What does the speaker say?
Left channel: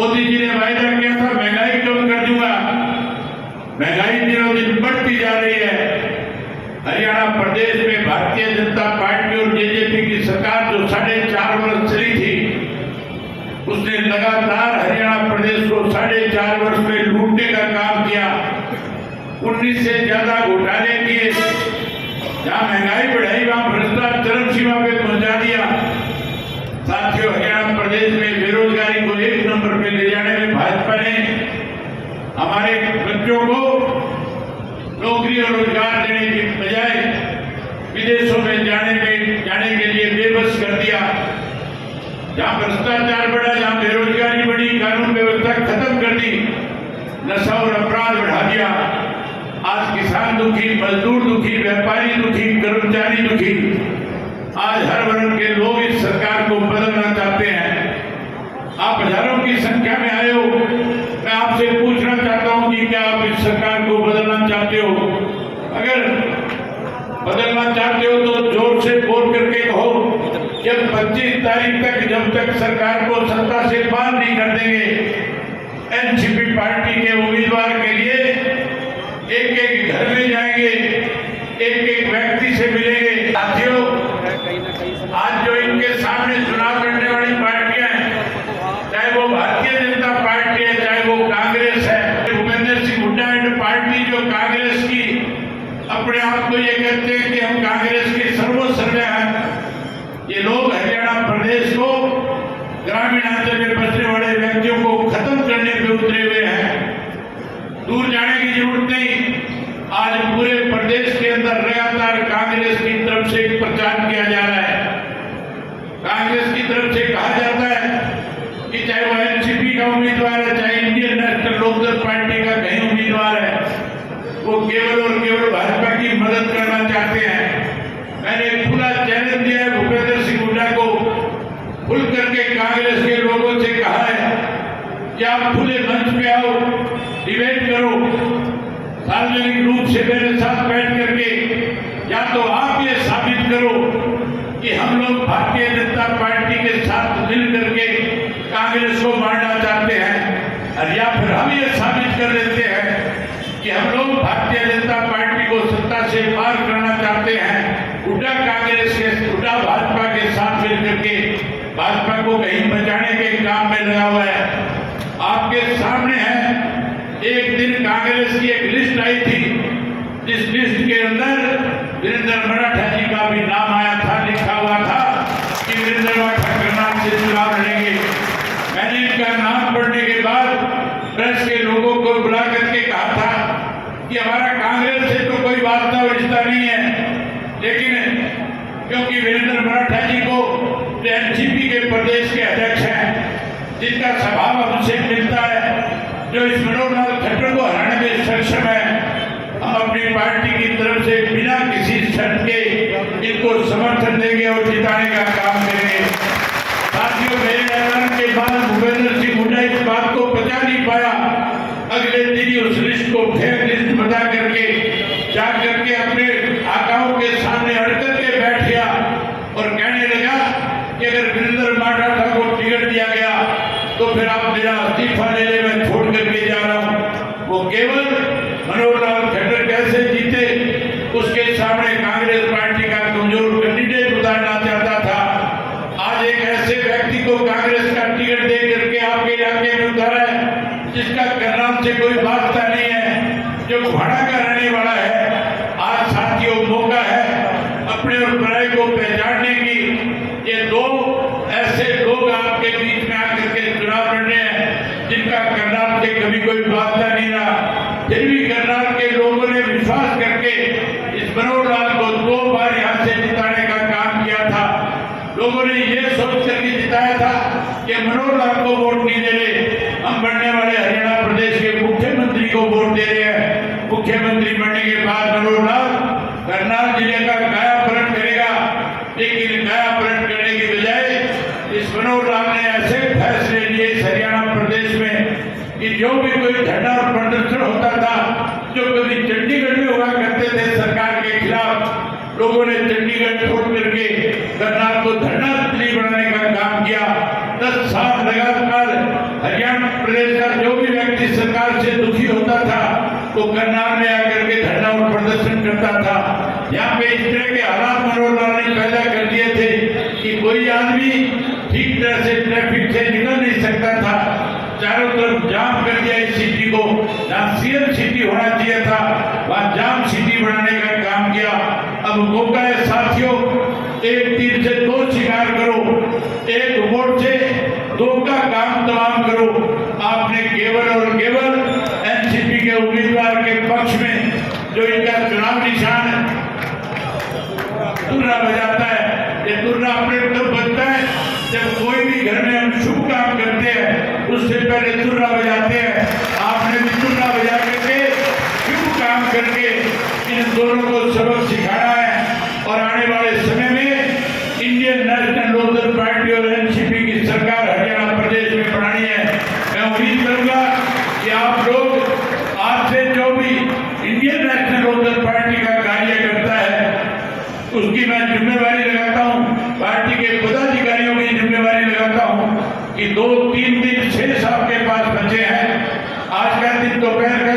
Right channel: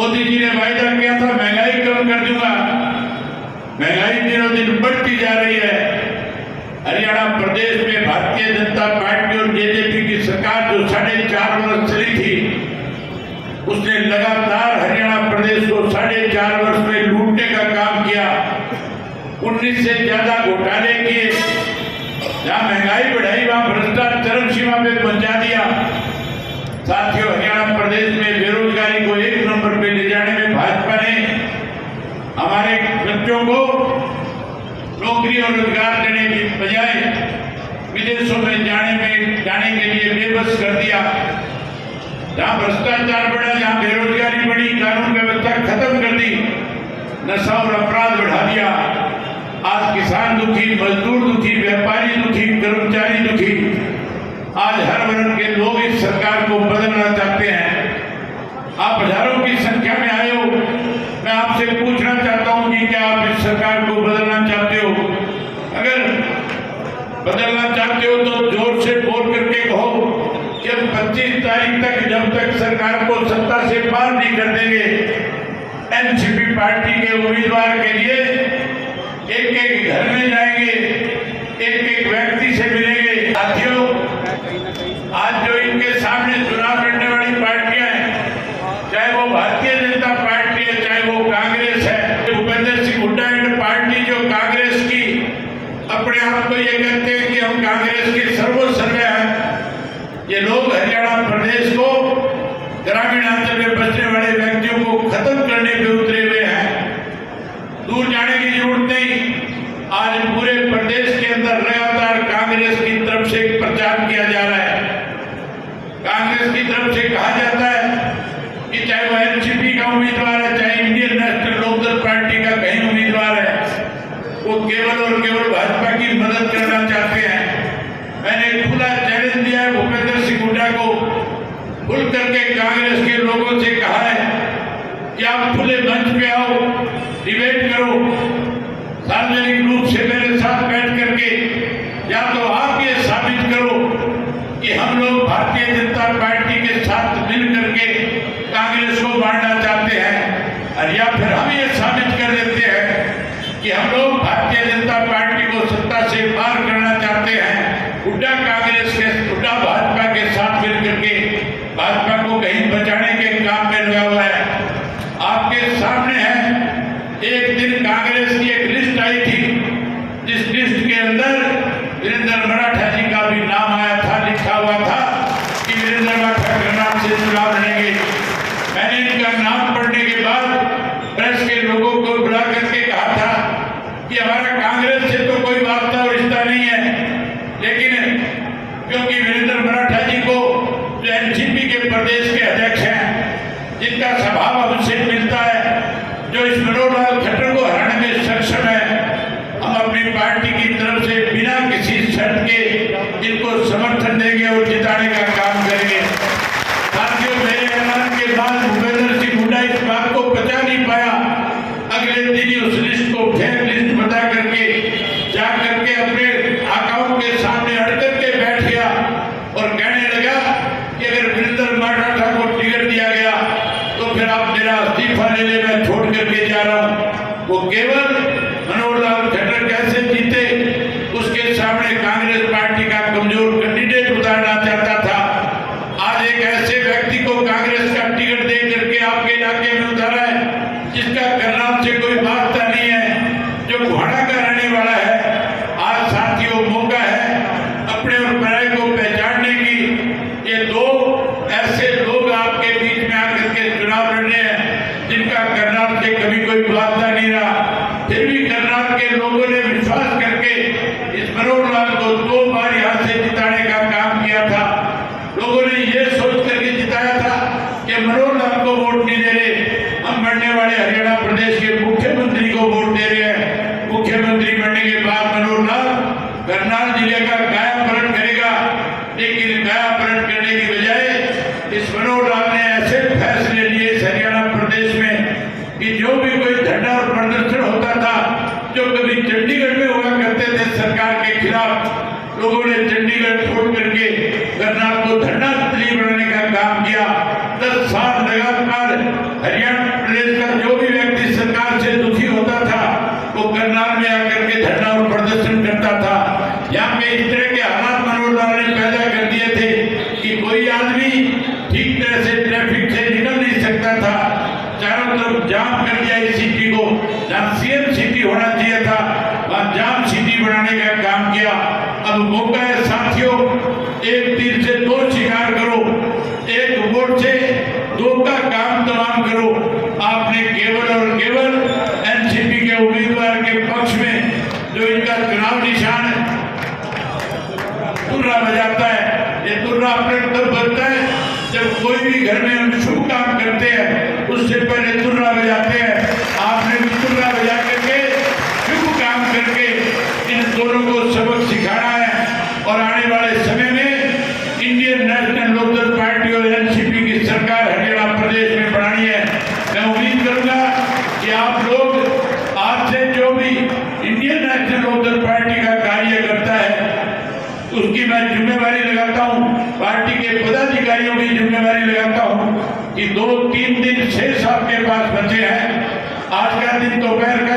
मोदी जी ने वायदा किया था महंगाई कम कर दूंगा, महंगाई दिनों दिन बढ़ती जा रही है। हरियाणा प्रदेश में भारतीय जनता पार्टी और जेजेपी की सरकार जो 4.5 वर्ष चली थी, उसने लगातार हरियाणा प्रदेश को 4.5 वर्ष में लूटने का काम किया। 19 से ज्यादा घोटाले किए, जहां महंगाई बढ़ाई वहां भ्रष्टाचार चरम सीमा पे पहुंचा दिया। साथियों, हरियाणा प्रदेश में बेरोजगारी को 1 नंबर पे ले जाने में भाजपा ने हमारे बच्चों को नौकरी और रोजगार देने की बजाय विदेशों में जाने के लिए बेबस कर दिया। जहां भ्रष्टाचार बढ़ा, जहां बेरोजगारी बढ़ी, कानून व्यवस्था खत्म कर दी, नशा और अपराध बढ़ा दिया। आज किसान दुखी, मजदूर दुखी, व्यापारी दुखी, कर्मचारी दुखी। आज हर वर्ग के लोग इस सरकार को बदलना चाहते हैं। आप हजारों की संख्या में आए हो, मैं आपसे पूछना चाहता हूं कि क्या आप इस सरकार को बदलना चाहते हो? अगर बदलना चाहते हो तो जोर से बोल करके कहो। जब 25 तारीख तक जब तक सरकार को सत्ता से पार नहीं कर देंगे, एनसीपी पार्टी के उम्मीदवार के लिए एक घर में जाएंगे, एक व्यक्ति से मिलेंगे। साथियों, आज जो इनके सामने चुनाव लड़ने वाली पार्टियां हैं, चाहे वो भारतीय जनता पार्टी है, चाहे वो कांग्रेस है, भूपेंद्र सिंह हुड्डा एंड पार्टी जो कांग्रेस की अपने आप को ये कहते हैं कि हम कांग्रेस के सर्वसर्व हैं, ये लोग हरियाणा प्रदेश को, ग्रामीण अंचल में बसने वाले व्यक्तियों को खत्म करने पे उतरे हुए हैं। दूर जाने की जरूरत नहीं। आज पूरे प्रदेश के अंदर लगातार कांग्रेस की तरफ से प्रचार किया जा रहा है। कांग्रेस की तरफ से कहा जाता है कि चाहे वह एनसीपी का उम्मीदवार है, चाहे इंडियन नेशनल लोकदल पार्टी का कहीं उम्मीदवार है, वो केवल और केवल भाजपा की मदद करना चाहते हैं। मैंने खुला चैलेंज दिया है भूपेंद्र सिंह हुड्डा को, खुल करके कांग्रेस के लोगों से कहा है कि आप खुले मंच पे आओ, डिबेट करो, सार्वजनिक रूप से मेरे साथ बैठ करके या तो आप ये साबित करो कि हम लोग भारतीय जनता पार्टी के साथ मिल करके कांग्रेस को बांटना चाहते हैं, और या फिर हम ये साबित कर देते हैं कि हम लोग भारतीय जनता पार्टी को सत्ता से पार करना चाहते हैं। हुड्डा कांग्रेस के, हुड्डा भाजपा के साथ मिल करके भाजपा को कहीं बचाने के काम में लगा हुआ है। आपके सामने है, एक दिन कांग्रेस की एक लिस्ट आई थी, जिस लिस्ट के अंदर वीरेंद्र मराठा जी का भी नाम आया था, लिखा हुआ था कि वीरेंद्र मराठा के नाम से चुनाव लड़ेंगे। मैंने इनका नाम पढ़ने के बाद प्रेस के लोगों को बुला करके कहा था कि हमारा कांग्रेस से तो कोई वास्ता और रिश्ता नहीं है, लेकिन क्योंकि वीरेंद्र मराठा जी को जो एनसीपी के प्रदेश के अध्यक्ष हैं, जिनका स्वभाव हमसे मिलता है, जो इस मनोहर लाल खट्टर को हराने में सक्षम है, हम अपनी पार्टी की तरफ से बिना किसी शर्त के इनको समर्थन देंगे और जिताने का काम करेंगे। साथियों, मेरे ऐलान के बाद भूपेंद्र सिंह हुड्डा इस बात को पचा नहीं पाया। अगले दिन ही उस लिस्ट को फेक लिस्ट बता करके जा करके अपने आकाओं के सामने अड़ करके बैठ गया और कहने लगा कि अगर वीरेंद्र मराठा को टिकट दिया गया तो फिर आप मेरा इस्तीफा ले ले, मैं छोड़ करके जा रहा हूं। वो केवल मनोहर लाल खट्टर कैसे जीते उसके सामने कांग्रेस पार्टी का कमजोर कैंडिडेट उतारना चाहता था। आज एक ऐसे व्यक्ति को कांग्रेस का टिकट दे करके आपके इलाके में उतारा है, जिसका करनाल से कोई वास्ता नहीं है, जो घुआड़ा का रहने वाला है। आज साथियों, मौका है अपने और पराये को पहचानने की। ये दो ऐसे लोग आपके बीच में आकर के चुनाव लड़ रहे हैं, जिनका करनाल से कभी कोई वास्ता नहीं रहा, फिर भी करनाल के लोगों ने विश्वास करके इस मनोहर लाल को 2 बार यहाँ से जिताने का काम किया था। लोगों ने ये सोच करके जिताया था कि मनोहर लाल को वोट नहीं दे रहे, हम बनने वाले हरियाणा प्रदेश के मुख्यमंत्री को वोट दे रहे हैं। मुख्यमंत्री बनने के बाद मनोहर लाल करनाल जिले का काया पलट करेगा, लेकिन काया पलट करने की बजाय इस मनोहर लाल ने ऐसे फैसले लिए इस हरियाणा प्रदेश में कि जो भी कोई धरना और प्रदर्शन होता था, जो कभी चंडीगढ़ में हुआ करते थे सरकार के खिलाफ, लोगों ने चंडीगढ़ छोड़ करके करनाल को धरना स्थली बनाने का काम किया। 10 साल लगातार हरियाणा चारों तरफ जाम कर दिया इस सिटी को। जहाँ सीएम सिटी होना चाहिए था वहाँ जाम सिटी बनाने का काम किया। अब मौका है साथियों, एक तीर से दो शिकार करो, एक वोट से दो का काम तमाम करो। आपने केवल और केवल एनसीपी के उम्मीदवार के पक्ष में जो इनका चुनाव निशान है तुर्रा बजाता है, ये तुर्रा अपने तब बजता है जब कोई भी घर में हम शुभ काम करते हैं उससे पहले तुर्रा बजाते हैं। आपने भी तुर्रा बजा करके शुभ काम करके इन दोनों को सबक सिखाना है और आने वाले समय में इंडियन नेशनल लोकदल पार्टी और एनसीपी की सरकार हरियाणा प्रदेश में बनानी है। मैं उम्मीद करूंगा कि आप लोग आज से जो भी इंडियन नेशनल लोकदल पार्टी का कार्य करता है उसकी मैं जिम्मेवारी लगाता हूं, पार्टी के पदाधिकारियों की जिम्मेवारी लगाता हूं कि 2-3 दिन शेष आपके पास बचे हैं। आज का दिन दोपहर का